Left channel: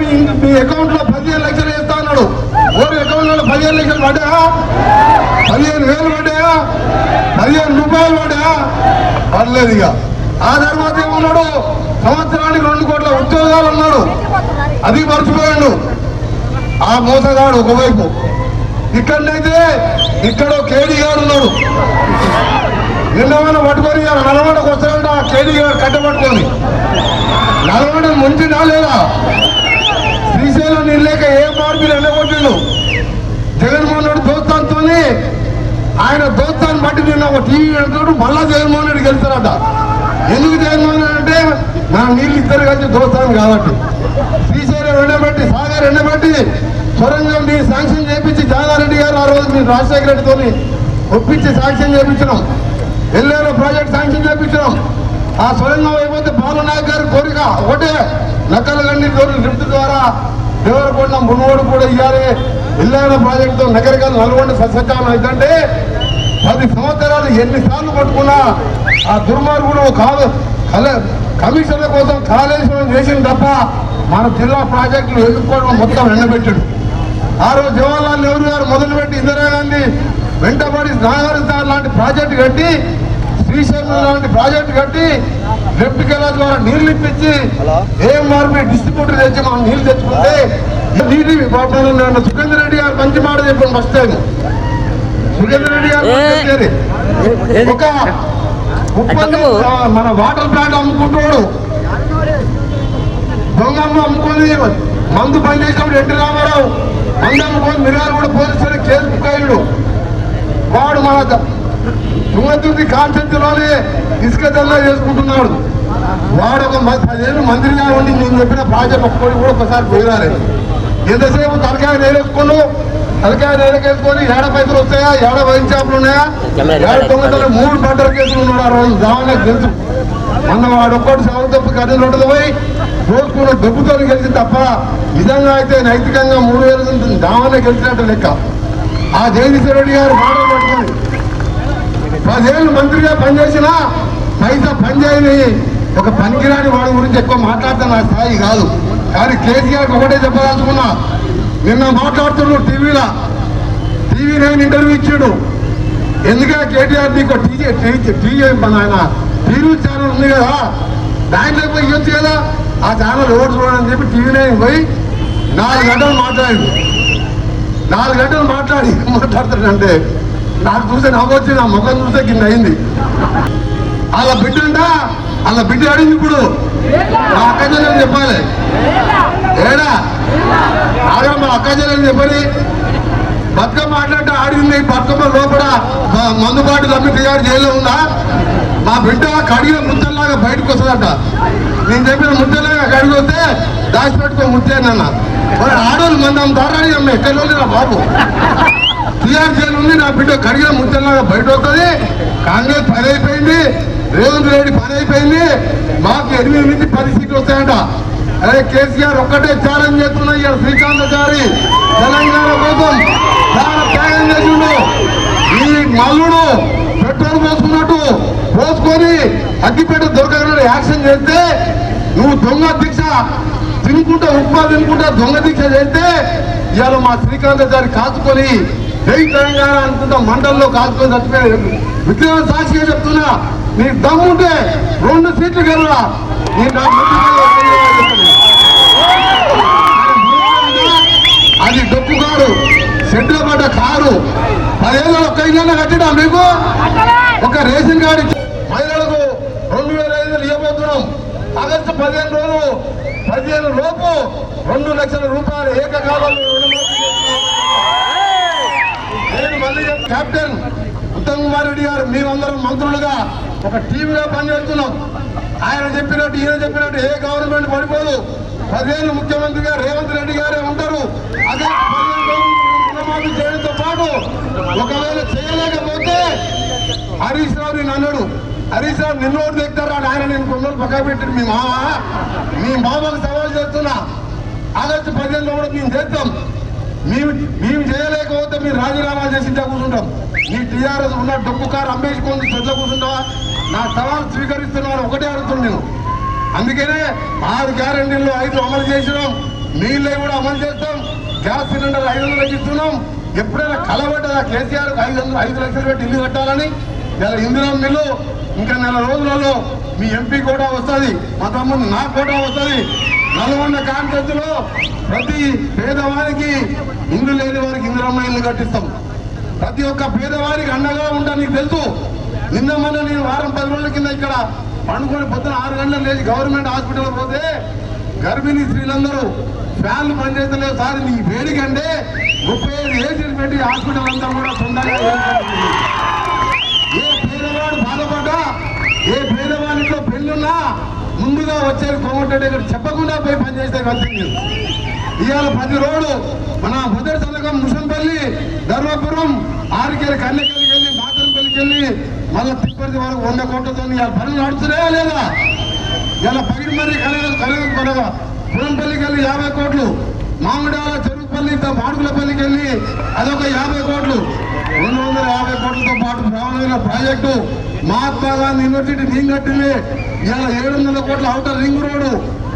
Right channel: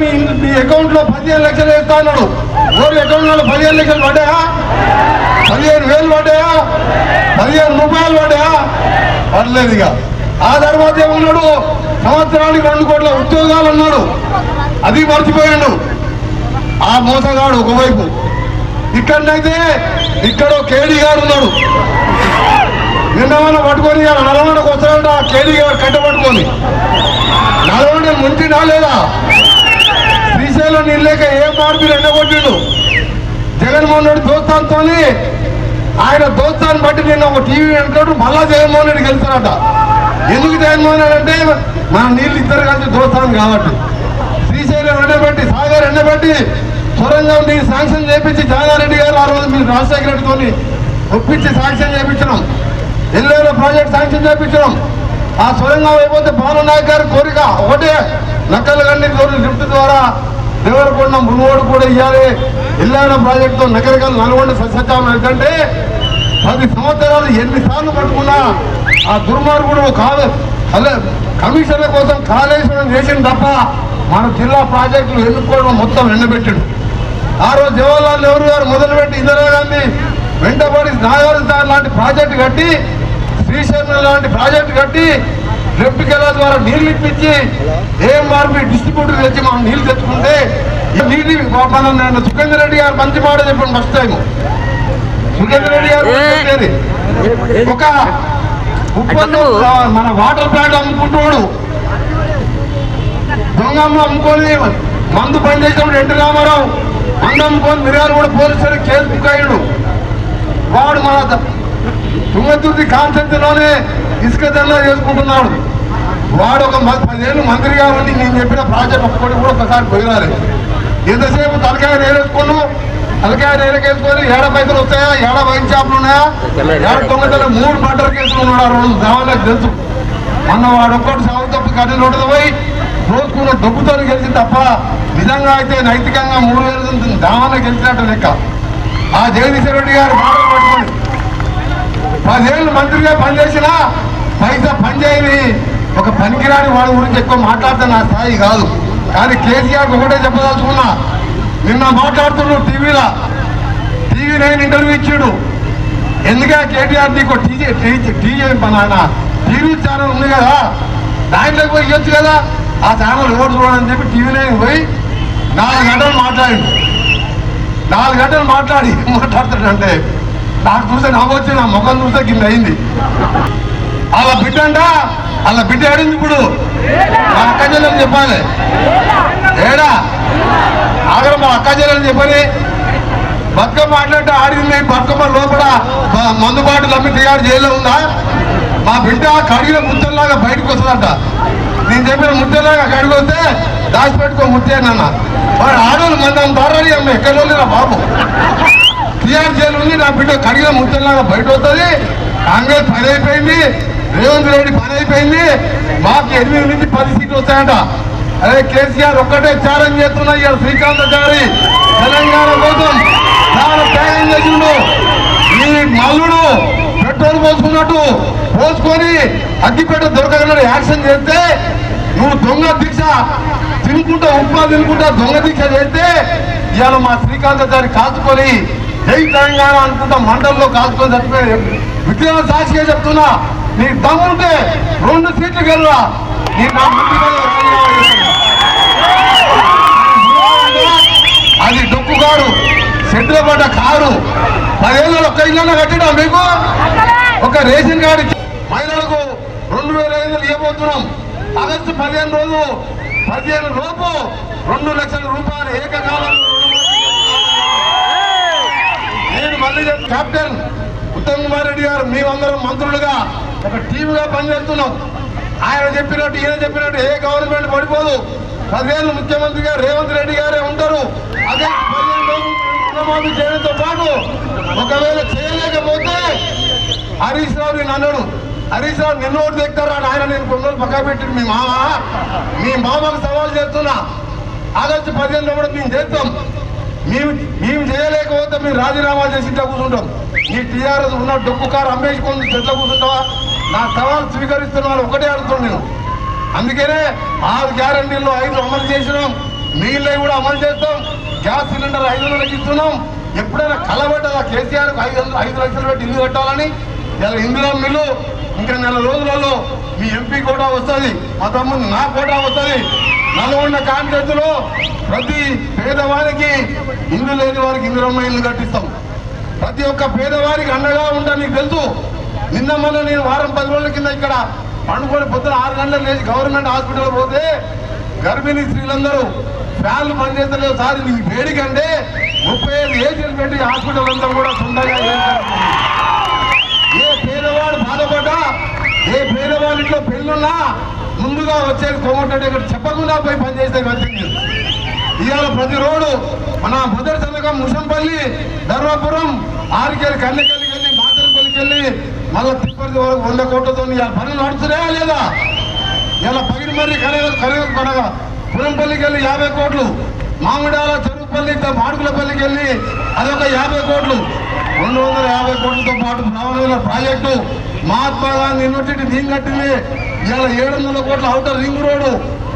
మీ మీ అకౌంట్లో పదిహేను లక్షలు వేస్తా అన్నాడు. ఓరి అకౌంట్లో పదిహేను లక్షలు పడ్డాయా? పదిహేను వేలు పడ్డాయా? పదిహేను రూపాయలు పడ్డాయా? పడలేదు ఇక. ఆ తర్వాత ఏమన్నాడు? సంవత్సరానికి రెండు కోట్ల ఉద్యోగాలు అన్నాడు. అది మర్చిపోయాడు. ఆ మోసగాడు ఒకవైపు. ఇక్కడైతే ఇక్కడ కేడీ గారు ఉన్నాడు. నిన్నమన్నా పట్టుకొని ఇవాళ వస్తాడంట? ఆ కేడీ గారు కట్టబట్టుకొని. పట్టుకొని ముంచినా లేదా విషయంలో నేను లేక ఏ మార్పులు ఎన్నగొట్టిండు జగన్మోహన్ రెడ్డి దోస్తాంతో ఆయన దోస్తాన్ని బట్టి నిన్న ఒక టీవీ అంటాడు మళ్ళా జగన్మోహన్ రెడ్డి గెలుస్తారట. ఎందుకు జగన్మోహన్ రెడ్డి అంటే మన నీళ్ళు ఇద్దరు కలిసి దోస్తాను కాబట్టి. శ్రీశైలం ఎండబెట్టి సాగర్ ఎండబెట్టి సొరంగం మీరు శాంక్షన్ చేపించి జాగారెడ్డి గారు ఆ రోజు మీరు రాజశేఖర రెడ్డితో ఒప్పించి శాంక్షన్ చేపించడం ఎల్లేలో ప్రాజెక్ట్ శాంక్షన్ చేపించినాం. ఆ సొరంగం అయిపోతే బాలనాయక్ గారి కోరిక ఒకటే నక్కల గండి లిఫ్ట్ ద్వారా దేవరకొండ మునుగోడు కూడా ఇవ్వాలి ఇల్లాన ప్రాజెక్టు నగరకాలు నల్గొండ సత్యం ఏంటంటే పది సంవత్సరాలు ఎన్నిసార్లు పట్టుకున్నా ఆ దుర్మార్గుడు కాదు కమిషన్ల కోసం కాళేశ్వరం చేసింది తప్ప మన జిల్లా ప్రాజెక్టులు ఎదుర్కోవడం మొత్తం ఎండబెట్టాడు. ఆ రోజు జవహర్లాల్ నెహ్రూ గారు మొదలుపెట్టి ఇందిరాగాంధీ వెంటబడి నాగార్జున లాంటి ప్రాజెక్టు కట్టి శ్రీశైలం లాంటి ప్రాజెక్టు కట్టి లెఫ్ట్ కెలా ద్వారా నీళ్ళు ఇప్పించి ఏం మార్పు డిస్ట్రిబ్యూటర్ తెచ్చి మనం నీళ్ళు తెచ్చుకుంటే ఈ నీటి మన సుఖేందర్ రెడ్డి గారు మంచి మాట చెప్పాను ఫస్ట్ టైం సుఖేందర్ రెడ్డి గారు. ఒక మన వాటర్ ప్లాంట్ అమ్ముకుంటున్నాడు. దొంగమ్మ అమ్ముకొని మందు పని చేసినప్పుడు ఎన్టీ రామారావు మందు అమ్ముకొని మిర్యాలు కూడా పోలీసులు కేసు బుక్ అయ్యాడు. వాడు మన ద- తుంగతుర్తి కాన్సెప్ట్లోనే ఇసుక దండ చేసుకుంటున్నాడు వాడు ఒక పదిహేను మంత్రిగా ఉండి నేను చెప్పిన ప్రాజెక్ట్ ఒక్కటి కూడా ఒకసారి పోయినారు ఎంతసేపు తలకాయ నేరేసుకొని తలకాయ నేరకేసుకొని ఏడ పైసలు వస్తాయా? ఏడ వైన్ షాపులు ఉన్నాయా? ఏడ తొమ్మిది మూడు పంటల కేసులు ఉన్నాడు ఆ రోజు. దేవాలకు తెలుసు. మొన్న వాడు ఒక్కటి సాగు తప్పు కథ నోటది పోయి రోజుకున్న డబ్బుతో గెలిచింది తప్ప నిజంగా అయితే నైతికంగా మూడు వేలు దావాలో గెలిచినట్టు లెక్క. ఆ జగదీశ్వర రెడ్డి గారు బాగా పదేళ్ళు మంత్రిగా పనిచేసినా పైసా పనిచేయని ఒక పనికిరాని వాడి గురించి ఎక్కువ మాట్లాడతా నా స్థాయి కాదు. కానీ కేసీఆర్ ఒకటే చెప్పదలుచుకున్నా నిన్న మాట్లాడుతున్నాడు టీవీలో. టీవీ నైన్ ఇంటర్వ్యూ ఇచ్చాడు. ఎందుకే కేటీఆర్ నీకు టీజీ టీజీ మన టీవీ ఛానల్ ఉంది కదా. దాంట్లోకి పోయి ఇవ్వచ్చు కదా. ఆ ఛానల్ ఎవరు చూడని చెప్పి టీవీ నైన్ పోయి నాలుగు గంటలు మాట్లాడి నాలుగు గంటలు మాట్లాడి మాట్లాడుతాడంటే నాకు చూస్తే నవ్వొచ్చి నా ముఖం చూస్తే కింద అయింది. అలా బిడ్డ అంట అలా బిడ్డ ఆడింది ఇప్పుడు? మా అక్క చెల్లెలు చెప్పాలి. ఏడా? ఆగర మా అక్క చెల్లెలు చెప్పని. బతుకమ్మ ఆడినట్టు ఆడింది బతుకమ్మ లోపల మందుబాటు తమ్మి తిరిగాడు జైల్లో ఉందా? మా బిడ్డ కడిగిన ముద్దల్లాగా బయటకు వస్తుందంట. నేను చెప్పిన ముద్దలాగా కడిగి వస్తే దాచిపెట్టుకో ముద్దేనన్న వాడు ఆడోళ్ళు మందం అమ్ముతారని అమ్మ ఎక్కడ నా బాబు. టీఆర్ జైలు ఉంది నా బిడ్డ కడిగిన ముద్దల్లాగా బయట వస్తుంది కాంగ్రెస్ పని అయిపోయింది రేవంత్ రెడ్డి పని అయిపోయింది మాకు ఎనిమిది నుంచి పది సీట్లు వస్తాయంట. అదే కేసీఆర్ ఒక్కటే ఛాలెంజ్ చేస్తున్నా ఇవాళ శ్రీకాంతాచారి తెలంగాణ కోసం. చాలా త్యాగం చేసిండు. ఈ మల్లుడు పెట్రోల్ పోసుకున్నట్టు పోసుకొని అగ్గిపెట్ట దొరకకుండా యాక్షన్ చేస్తే నువ్వు దొంగ దీక్ష తినుకుంటా ఉప్మా తినుకుంటా దొంగ దీక్ష చేస్తే ఇవాళ మా శ్రీకాంతాచారి కాచుకొని జై తెలంగాణ అనుకుంటా మండలంలో కాల్చుకొని చచ్చిపోయి విక్రమ సాక్షిగా చెప్తున్నా నీ దమ్ముంటే రెండు సీట్లు గెలరా నీ అది డొక్కు కారు సెంటర్ పడ్డ కారు పదేళ్ళు ఒక్క ఇళ్ళ కట్టడా మీకు? ఒక రేషన్ కార్డు మహిళలకు రెండు వేల ఐదు వందలు ఇవ్వబోతున్నాం. ఆగస్టు పదిహేను రోజు పదిహేను లోపు రెండు లక్షల రూపాయలు ఏకకాలంలో రుణమాఫీ నేను మళ్ళీ చెప్ కెప్టెన్ ఉత్తమ్ కుమార్ రెడ్డి గారు మేమందరం మంత్రులుగా ఒక టీంగా పనిచేస్తున్నాం. ఆయన చెప్పినట్టు ఈయన చెప్పినట్టు ఏ గవర్నమెంట్ పడిపోదు. రజేన్లు ముఖ్యమంత్రి గారు రేవంత్ రెడ్డి గారే ఉంటారు. అదే రుణమాఫీ చేయడంతో పాటు ఒకవేళ చేయలేకపోతే హరీష్ రావు నేను అన్నాడు హరీష్ రావు నిన్ను ఓటు తెస్తారు అని ఆయన నేను కొన్ని రోజులు పక్క పెట్టి మీ మామ మీ మామకు సవాల్ చేస్తున్నా. ఆగస్టు పదిహేను కూడా మేము చేస్తాం. మేము మేము చేయలేకపోతే మీరు రాజీనామా చేసి కూర్చుంటాం. నీ టీఆర్ఎస్ ఉన్న డొక్కు కారు అమ్మేసుకొని చెట్ల కూర్చుంటావా? నా సవాల్ స్వీకరిస్తున్న వాళ్ళు ఒకటే అడుగుతుంది నేను. అందుకనే ఆరు గ్యారంటీల్లో ఐదు అమలు చేసినాం. నీళ్ళే కూడా అమలు చేస్తాం. గ్యాస్ సిలిండర్ ఐదు వందలు ఇస్తున్నాం. ఎప్పుడైనా కలబడ్డ కేసీఆర్ ఐదు వందలు ఐదు లక్షలు పెట్టి ఇల్లు కట్టాలని ఇందులో మీరు ఇంకా నెల రోజులలో మీ ఎంపీ కూడా వస్తుంది మా తమ్ముడు నాకు కూడా వస్తుంది. నల్గొండ కాన్సెప్ట్ ప్రతి పేదవారికి ఇల్లు లేని వారికి ఇందిరమ్మ ఇల్లు కట్టిస్తాం. ప్రతి ఒక్క పేదవారికి అండగా ఉంటా నీకు తెలుసు. నిన్న మొన్న నేను వారం పది రోజుల కింద ఇక్కడ పండుకొని పొద్దున ఆరు గంటలకు లేచి గవర్నమెంట్ హాస్పిటల్ పోతే గర్భిణీ స్త్రీలందరూ ఫ్యాన్లు పనిచేస్తలేదు సార్ నీకు వేడికంటే ముప్పై ఐదు ఏజెంట్ పెట్టి హాస్పిటల్ అంతా కూడా సొంతంగా ముందుగా వచ్చేది కోమటంటే చెప్పకుండా పోయి పనిచేస్తే వచ్చింది ఇవాళ ప్రతి రోడ్డు మన మొదటి సంతకం ముషంపల్లి ధర్మపురం ఆరుకేరు కన్నెకెళ్ళికి వెళ్ళి మాతరంపల్లికి వెళ్ళి మళ్ళీ తిప్పటి వరకు వంద కోట్లతో ఇవాళ పనులు నడుస్తున్నాయా లేదా? ఇలా పగిడి మరి కనగ కనగ కనగ పురంపల్లికి వెళ్ళి యాభై కోట్లు మామిడాల చెరుకుపల్లి మాడుగులపల్లికి వెళ్ళి అదొక యాభై కోట్లు రెండు వందల యాభై రోడ్లతో పాటు Ravana project Mahatma Gandhi university ring కట్టింది. ఇవాళ ఏడు వందల కోట్ల అవుటర్ రింగ్ రోడ్డు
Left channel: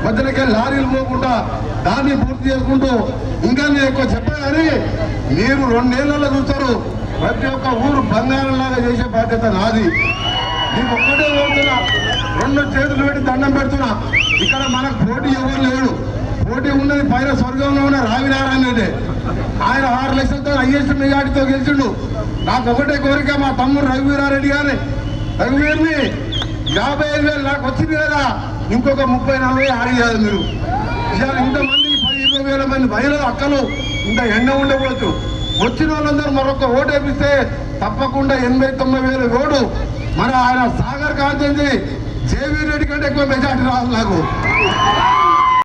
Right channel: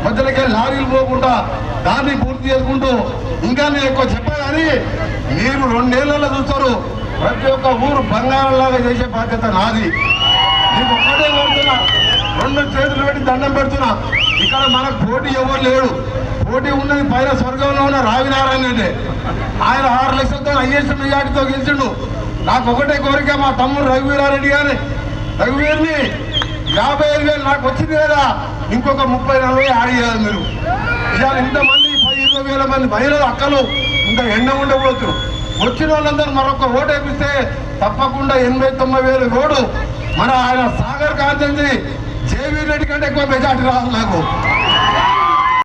మధ్యలోకి లారీలు పోకుండా దాన్ని పూర్తి చేసుకుంటూ ఇంకా నేను ఎక్కువ చెప్పాలని మీరు రెండేళ్ళలో చూస్తారు ప్రతి ఒక్క ఊరు బంగారంలాగా చేసే బాధ్యత నాది. మీకు ఒక్కటే కోరుతున్నా రెండు చేతులు పెట్టి దండం పెడుతున్నా. ఇక్కడ మనకు పోటీ ఎవరు లేడు. పోటీ ఉన్నది పైన స్వర్గంలో ఉన్న రావినారాయణదే ఆయన ఆరు లక్షలతో ఐఎస్ మెజార్టీతో గెలిచిండు. నాకు ఒకటే కోరిక మా తమ్ముడు రఘువీరారెడ్డి గారి. రఘువీర్ని యాభై ఐదు వేలు నాకు వచ్చింది కదా ఇంకొక ముప్పై నలభై యాడ్ మీరు. ఇవాళ ఇంతమంది పది ఇరవై వేల మంది మహిళలు అక్కలు ఇంకా ఎండ ఉండకూడదు. వచ్చిన వాళ్ళందరూ మరొక ఓటు వేపిస్తే తప్పకుండా ఎనభై తొంభై వేలు రోడ్డు. మన ఆయన సాగర్ కాంతి జేవీ రెడ్డి కంటే ఎక్కువ మెజార్టీ రాదు నాకు.